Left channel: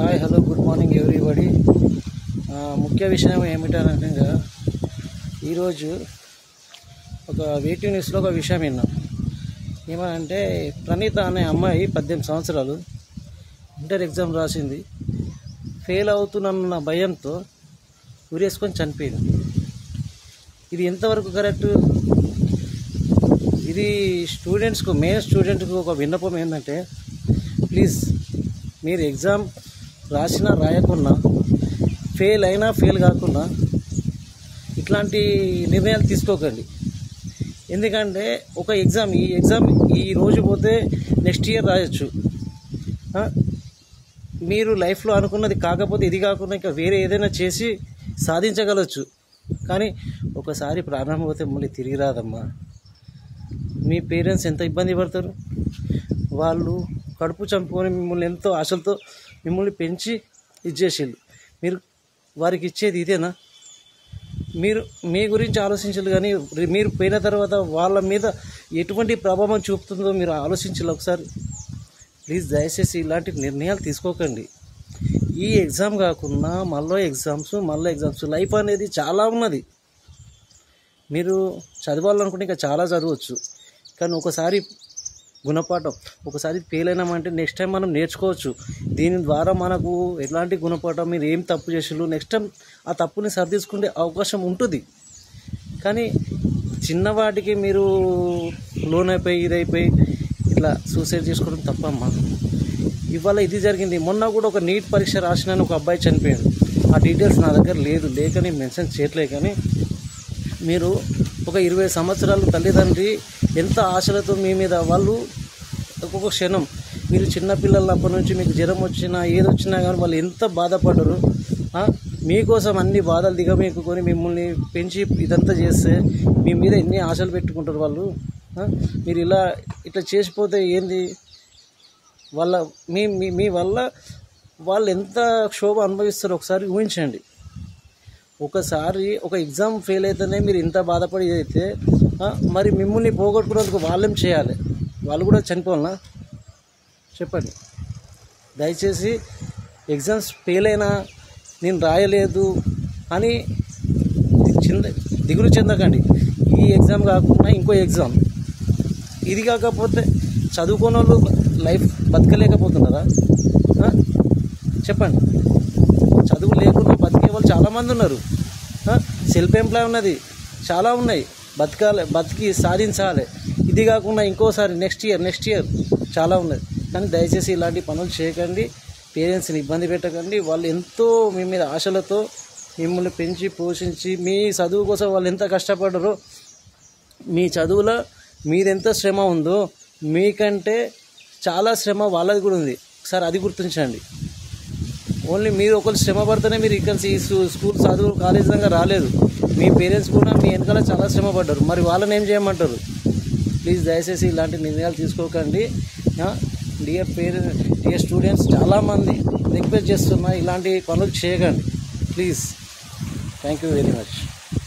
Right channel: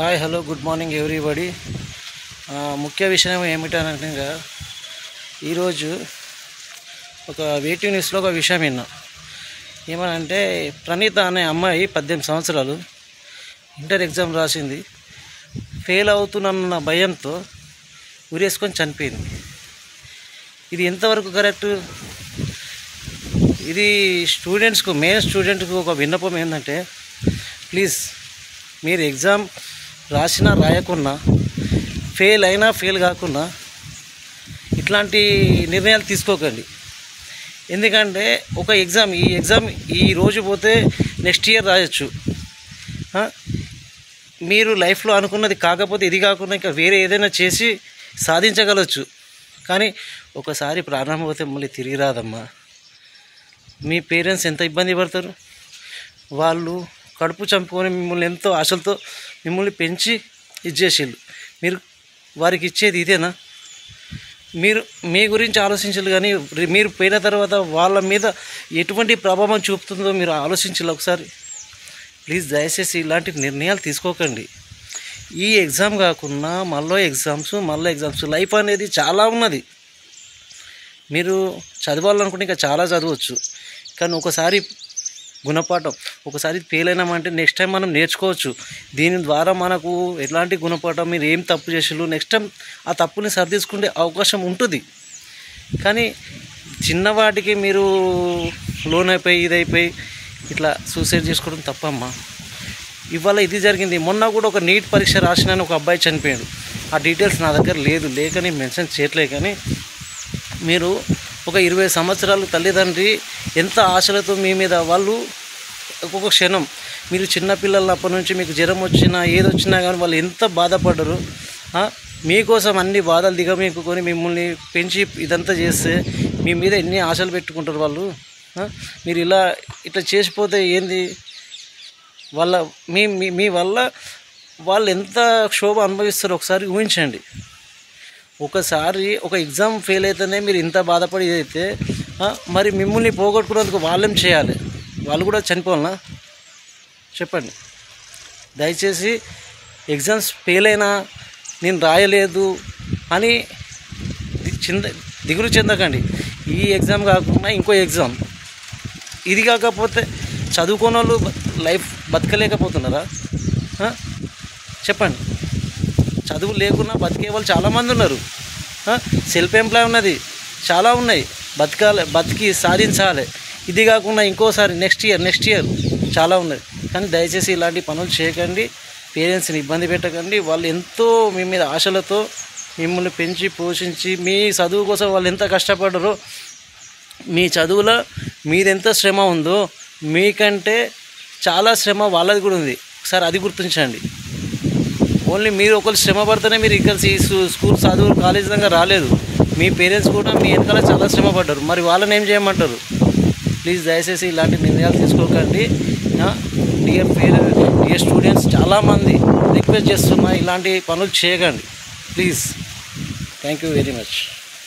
Hi hello good morning everybody. ముఖ్య విషయం ఏమిటంటే ఈరోజు ఒక వెయిటింగ్ న్యూస్లో ఒక విషయం విన్నా. ఏమనంటే ప్రణీత అనే అమ్మాయి 18 సంవత్సరాలు ఇంటర్ ఎగ్జామ్ రాసింది. ఫెయిల్ అవుతున్న భయంతో ఉరేసుకొని చనిపోయింది. ఇది ఎంతవరకు కరెక్ట్? ఇది స్టూడెంట్స్కు, మెయిన్ స్టూడెంట్కు ఒక విన్నపం ఏంటంటే, ప్లీజ్ మీరు ఎగ్జామ్ రాసినా రాయకున్నా, ఫెయిల్ అయినా ఫెయిల్ కాకుండా ఇట్లాంటి నిర్ణయాలు తీసుకోకండి. ఎందుకంటే ఈ ఎగ్జామ్ ఈ రోజు పోతే నెక్స్ట్ ఇయర్ రాయొచ్చు. మీరు లైఫ్లో అనుకున్నది కాకపోతే ఇది కాకుండా ఇంకా వేరే ఏదైనా చేసి సాధించగలచ్చు. కానీ ఒకసారి ప్రాణం పోతే మళ్ళీ తిరిగి రాదమ్మా. మీ పేరెంట్స్ ఎంత ఇబ్బంది పడతారు. వాళ్ళు కడుపు చంపుకొని మిమ్మల్ని ఎంతో ఆశలతో మిమ్మల్ని పెంచి ఇచ్చేసిళ్ళు. మీరు వారికి ఇచ్చేది ఇదేనా? మీరు మీ గురించి ఆలోచించాలి, కానీ మీరు పోయిన తర్వాత వాళ్ళ మీద ఎటువంటి ప్రభావం చూపుతుందో మీరు ఆలోచించాలి ఒకసారి. ప్లీజ్ దయచేసి ఇలాంటి నిర్ణయాలు తీసుకోకండి. ఈ ఎగ్జామ్ కాకుండా మళ్ళీ ఎగ్జామ్స్ లైఫ్ అనేది చాలా ఉన్నది. మీరు చదవాలనుకుంటే ఇంకా చాలా చదవచ్చు. కానీ ఒకసారి గుణపాఠం, ఒకసారి ఫెయిల్ అయినామంటే నెక్స్ట్ టైం మనం నేర్చుకోవచ్చు. దీని ద్వారా మనకు ఎలాంటి గుణపాఠం, మీరు ఏం తప్పు చేసిళ్ళు, నెక్స్ట్ టైం ఆ తప్పుని సరిదిద్దుకునే అవకాశం ఉంటుంది. కానీ చిన్నవాటికి మీరు లోన్ అయిపోయి ఇదైపోయి ఇట్లా సూసైడ్ చేసుకోవడం తప్పమ్మా. ఇవాళ ఇది జరిగింది. మొన్న కూడా ఒక నీట్ పరీక్ష రాసిన ఒక అబ్బాయి చనిపోయాడు. ఆ డీటెయిల్స్ నా దగ్గర లేకని మెన్షన్ చేయట్లేదు. కానీ మీరు ఒక 20 సంవత్సరాలు తల్లిదండ్రి ఎంత ఆశలతో మీ మీద, వాళ్ళు ఒక్కొక్క క్షణం, మీరు చిన్నపిల్లలప్పటి నుంచి మీకు జ్వరం వచ్చినా ఏదొచ్చినా కానీ వాళ్ళు ఎంత బాధపడరు. మీకోసం అన్ని బాధలు దిగమీకుకొని మిమ్మల్ని పెంచి ఇదంతా చేస్తే మీ మీద ఎన్ని ఆశలు పెట్టుకుంటారు వాళ్ళు. మీరు ఇట్లా చేసిపోతే ఏంది? మీ వల్ల వాళ్ళు ఎంత క్షోభ అనుభవిస్తారో ఒకసారి ఊహించండి. ఒకసారి ఒక ఎగ్జామ్ ఫెయిల్ అయితేనే మీరు ఇంత బాధపడి అయితే మరి మిమ్మల్ని పోగొట్టుకున్నందుకు వాళ్ళేం చేయాలి? వాళ్ళు కూడా చనిపోవాలనా? చెప్పండి. దయచేసి ఎగ్జామ్స్ ఫెయిల్ అయినా నేను రాయలేదు అని దిగులు చెందకండి. ఈ ఎగ్జామ్ కాకుండా ఇంకో ఎగ్జామ్, ఇది కాకపోతే చదువుకున్న వాళ్ళు లైఫ్ బతకలేకపోతున్నారా? చెప్పండి. చదువు లేకుండా బతికే వాళ్ళు చాలామంది ఉన్నారు. సెల్ఫ్ ఎంప్లాయ్ ఉన్నది, చాలా ఉన్నాయి. బతికి సాధించాలి. ఇది కాకుండా ఇంకోసారి నెక్స్ట్ ఇయర్ చాలా ఉన్నది. కానీ దయచేసి ఇలాంటి పనులు చేయకండి. పేరెంట్స్ని ఇబ్బంది పెట్టకండి. వాళ్ళు ఎంతో మీ మీద ఆశలతో మిమ్మల్ని పెంచి పోషించి మీ చదువు కోసం వాళ్ళు ఎంత కష్టపడ్డారో, మీ చదువులో మీదెంత శ్రమ ఉందో మీకంటే చాలా శ్రమ వాళ్ళది కూడా ఉంది. ఒకసారి అది గుర్తించండి. ఓన్లీ మీరు ఒకరు శ్రమ పడితేనే మీరు ఇక్కడ స్కూల్ చదువు కాలేజీ దాకా రాలేదు. మీ పేరెంట్స్ కూడా మీ వెనకాల చాలా శ్రమ పడ్డారు. మరి వాళ్ళని ఏం చేయమంటారు? ప్లీజ్ దయచేసి ఇలాంటి నిర్ణయాలు తీసుకోకండి. డియర్ స్టూడెంట్స్, చాలామంది రిక్వెస్ట్ చేస్తున్నా, ఇలాంటి పనులు చేయకండి please. Thank you very much.